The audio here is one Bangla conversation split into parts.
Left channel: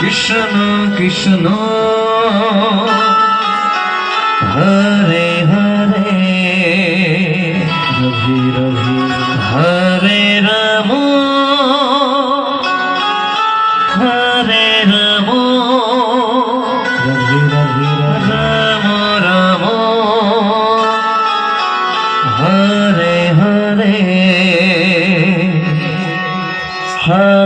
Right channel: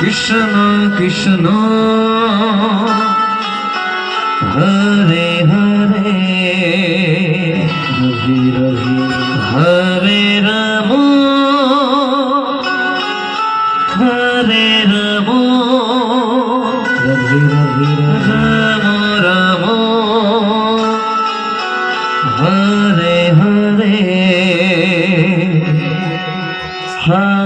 কৃষ্ণ কৃষ্ণ। হরে হরে। রঘি রঘি হরে রাম। হরে রাম। রঘি রঘি রাম রাম। হরে হরে হরে।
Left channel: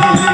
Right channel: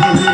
Thank you.